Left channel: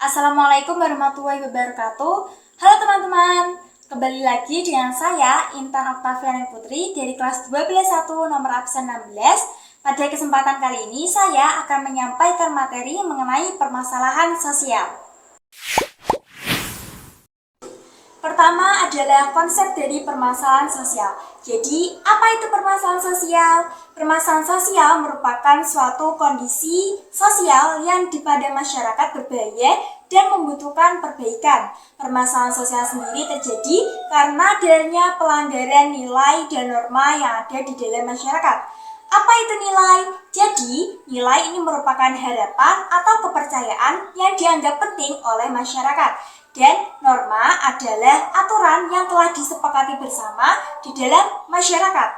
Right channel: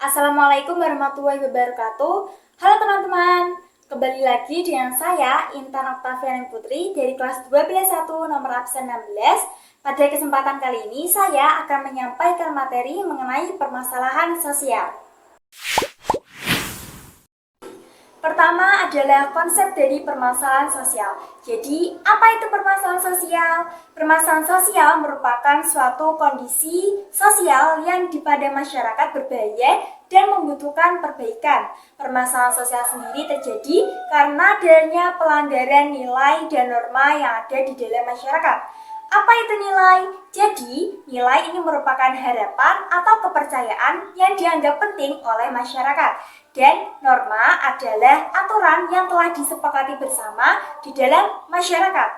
Assalamualaikum warahmatullahi wabarakatuh. Halo teman-teman, kembali lagi dengan saya Intan Oktaviani Putri dari kelas 12.1 nomor absen 16. Pada kesempatan kali ini saya akan menyampaikan materi mengenai permasalahan sosial. Pertama adalah konsep dari permasalahan sosial. Jadi, apa itu permasalahan sosial? Permasalahan sosial merupakan suatu kondisi sosial yang pada masyarakat berbahaya dan membutuhkan perbaikan. Permasalahan sosial sendiri terjadi karena adanya pelanggaran nilai dan norma yang ada di dalam masyarakat. Apa itu nilai? Jadi, nilai ini merupakan harapan atau kepercayaan yang dianggap penting oleh masyarakat. Dan norma adalah aturan yang telah disepakati bersama di dalam masyarakat.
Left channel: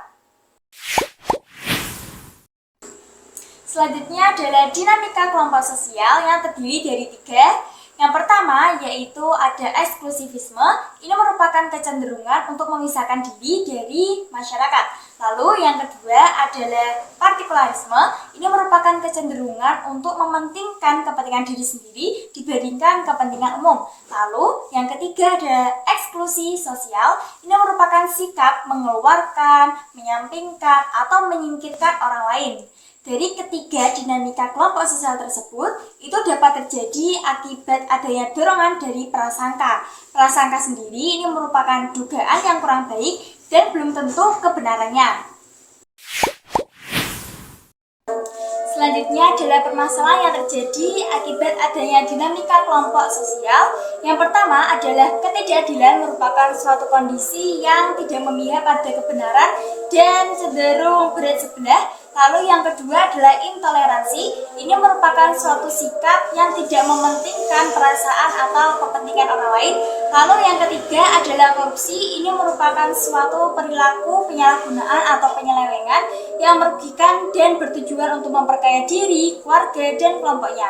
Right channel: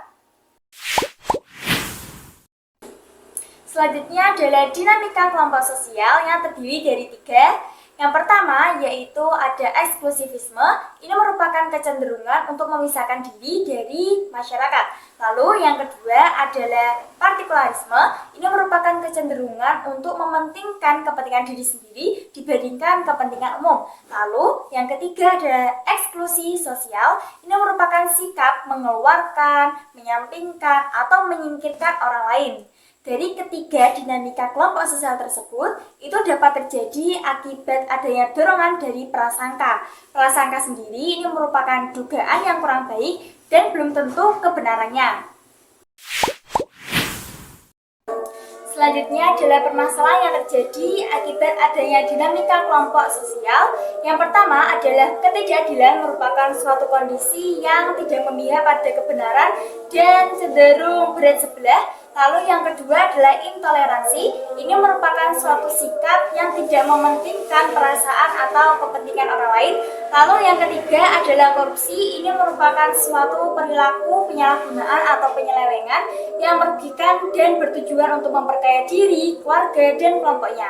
Selanjutnya adalah dinamika kelompok sosial yang terdiri dari 3. Yang pertama yaitu ada eksklusivisme. Ini merupakan kecenderungan untuk memisahkan diri dari masyarakat. Lalu yang kedua adalah partikularisme. Ini merupakan kecenderungan untuk mementingkan kepentingan diri sendiri dibandingkan kepentingan umum. Lalu yang ketiga adalah eksklusi sosial. Ini merupakan sikap mengeluarkan, menyampingkan, atau menyingkirkan orang lain. Dari ketiga dinamika kelompok sosial tersebut, itu dapat terjadi akibat adanya dorongan dari prasangka. Prasangka sendiri ini merupakan dugaan yang kurang baik dan belum tentu kebenarannya. Selanjutnya adalah permasalahan yang terjadi akibat adanya dinamika kelompok sosial. Yang pertama adalah ketidakadilan merupakan suatu kondisi yang tidak memihak pada kebenaran dan cenderung berat sebelah. Lalu yang kedua adalah intoleransi. Ini merupakan suatu sikap yang tidak mementingkan perasaan atau kepentingan orang lain. Lalu yang ketiga adalah korupsi. Ini merupakan suatu perilaku penyalahgunaan atau penyelewengan yang merugikan dan bertujuan untuk memperkaya diri, keluarga, dan kelompoknya.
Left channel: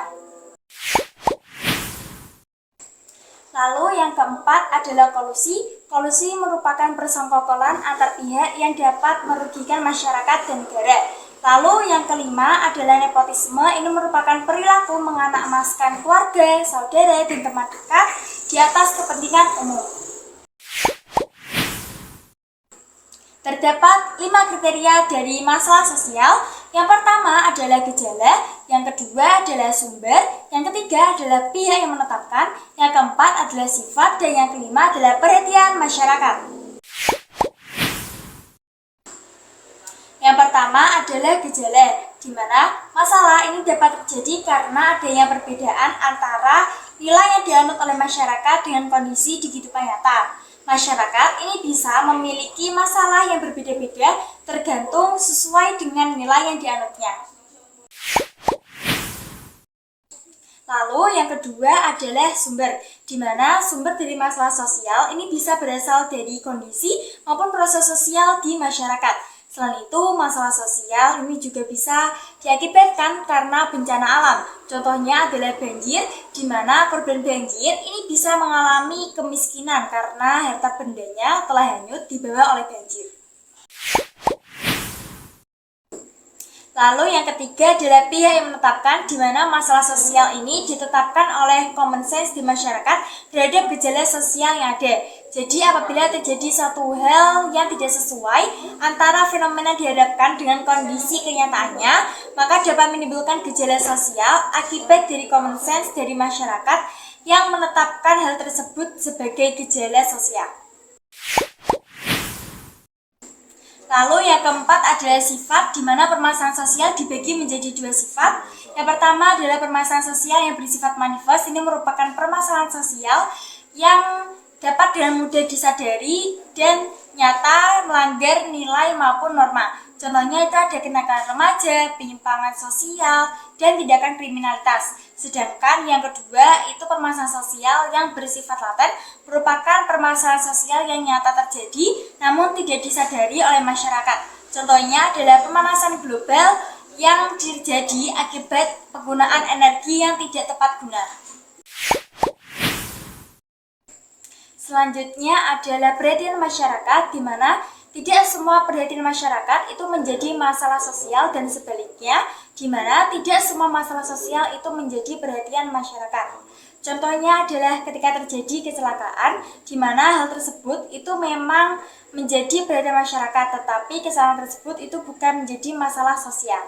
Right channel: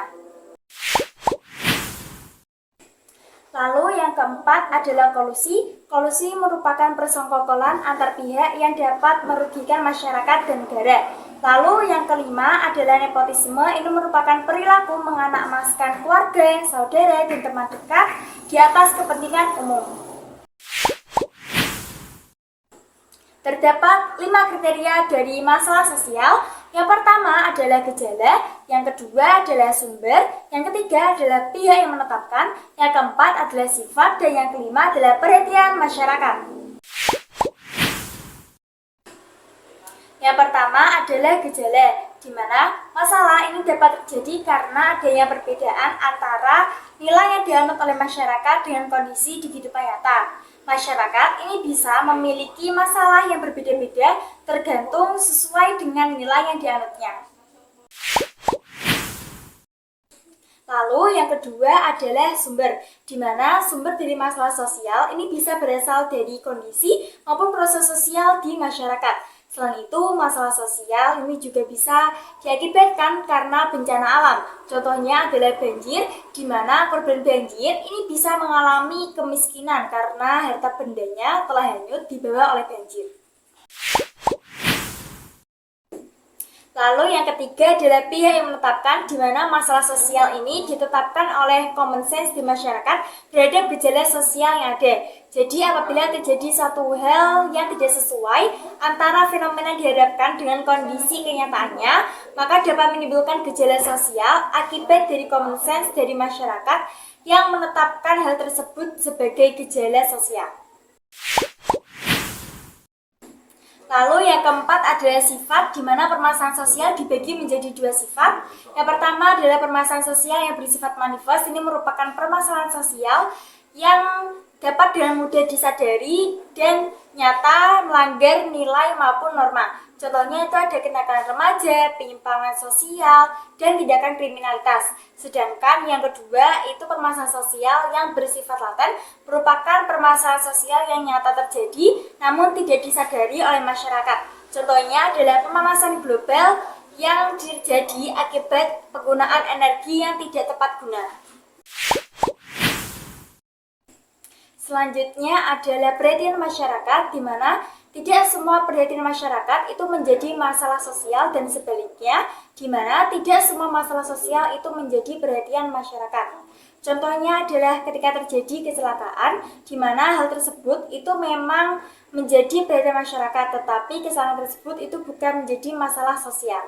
Lalu yang keempat adalah kolusi. Kolusi merupakan persekongkolan antar pihak yang dapat merugikan masyarakat dan negara. Lalu yang kelima adalah nepotisme. Ini merupakan perilaku menganak-emaskan keluarga, saudara, dan teman dekat di atas kepentingan umum. Terdapat 5 kriteria dari masalah sosial. Yang pertama adalah gejala, yang kedua adalah sumber, yang ketiga adalah pihak yang menetapkan, yang keempat adalah sifat, dan yang kelima adalah perhatian masyarakat. Yang pertama adalah gejala, di mana masalah ini dapat terjadi karena adanya perbedaan antara nilai yang dianut oleh masyarakat dengan kondisi di kehidupan nyata. Masyarakat ini bisa memiliki masalah yang berbeda-beda tergantung sesuai dengan nilai yang dianutnya. Lalu yang kedua adalah sumber, di mana sumber dari masalah sosial ini bisa berasal dari kondisi maupun proses sosial di masyarakat. Selain itu, masalah sosial ini juga bisa diakibatkan karena bencana alam. Contohnya adalah banjir, di mana korban banjir ini bisa mengalami kemiskinan karena harta bendanya telah hanyut dibawa oleh banjir. Lalu yang ketiga adalah pihak yang menetapkan, di mana masalah sosial ini ditetapkan oleh common sense di masyarakat terhadap gejala sosial yang ada. Jadi apabila terjadi satu hal yang tidak sesuai antara fenomena dihadapkan dengan kondisi kenyataannya, maka dapat menimbulkan gejala sosial akibat dari common sense dari masyarakat yang menetapkan hal tersebut sebagai gejala sosial. Lalu yang keempat adalah sifat, di mana permasalahan sosial dibagi menjadi 2 sifat. Yang pertama adalah permasalahan sosial yang bersifat manifest. Ini merupakan permasalahan sosial yang dapat dengan mudah disadari dan nyata melanggar nilai maupun norma. Contohnya itu ada kenakalan remaja, penyimpangan sosial, dan tindakan kriminalitas. Sedangkan yang kedua itu permasalahan sosial yang bersifat laten, merupakan permasalahan sosial yang nyata terjadi namun tidak disadari oleh masyarakat. Contohnya adalah pemanasan global yang terjadi akibat penggunaan energi yang tidak tepat guna. Selanjutnya adalah perhatian masyarakat, di mana tidak semua perhatian masyarakat itu menjadi masalah sosial dan sebaliknya, di mana tidak semua masalah sosial itu menjadi perhatian masyarakat. Contohnya adalah ketika terjadi kecelakaan, di mana hal tersebut itu memang menjadi perhatian masyarakat, tetapi kesalahan tersebut itu bukan menjadi masalah sosial.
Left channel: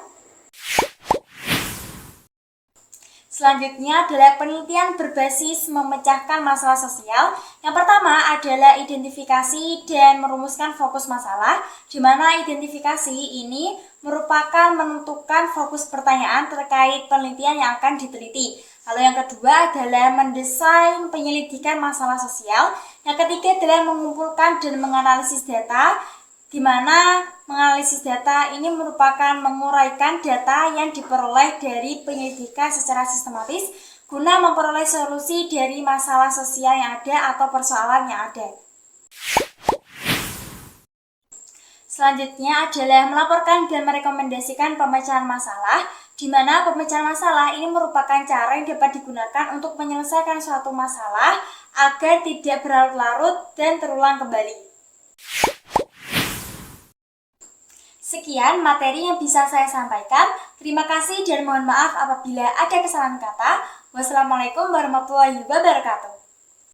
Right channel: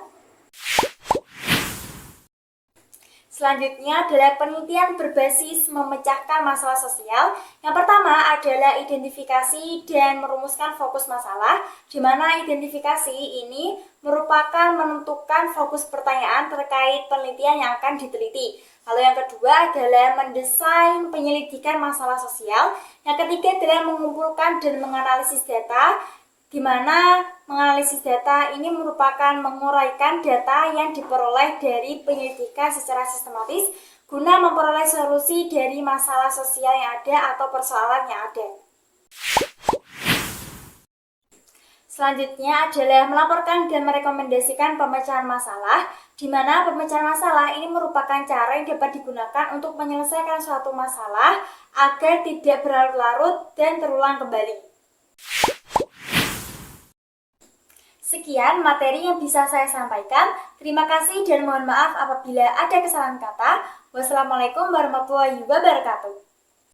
Selanjutnya adalah penelitian berbasis memecahkan masalah sosial. Yang pertama adalah identifikasi dan merumuskan fokus masalah, di mana identifikasi ini merupakan menentukan fokus pertanyaan terkait penelitian yang akan diteliti. Lalu yang kedua adalah mendesain penyelidikan masalah sosial. Yang ketiga adalah mengumpulkan dan menganalisis data, di mana menganalisis data ini merupakan menguraikan data yang diperoleh dari penyelidikan secara sistematis guna memperoleh solusi dari masalah sosial yang ada atau persoalan yang ada. Selanjutnya adalah melaporkan dan merekomendasikan pemecahan masalah, di mana pemecahan masalah ini merupakan cara yang dapat digunakan untuk menyelesaikan suatu masalah agar tidak berlarut-larut dan terulang kembali. Sekian materi yang bisa saya sampaikan. Terima kasih dan mohon maaf apabila ada kesalahan kata. Wassalamualaikum warahmatullahi wabarakatuh.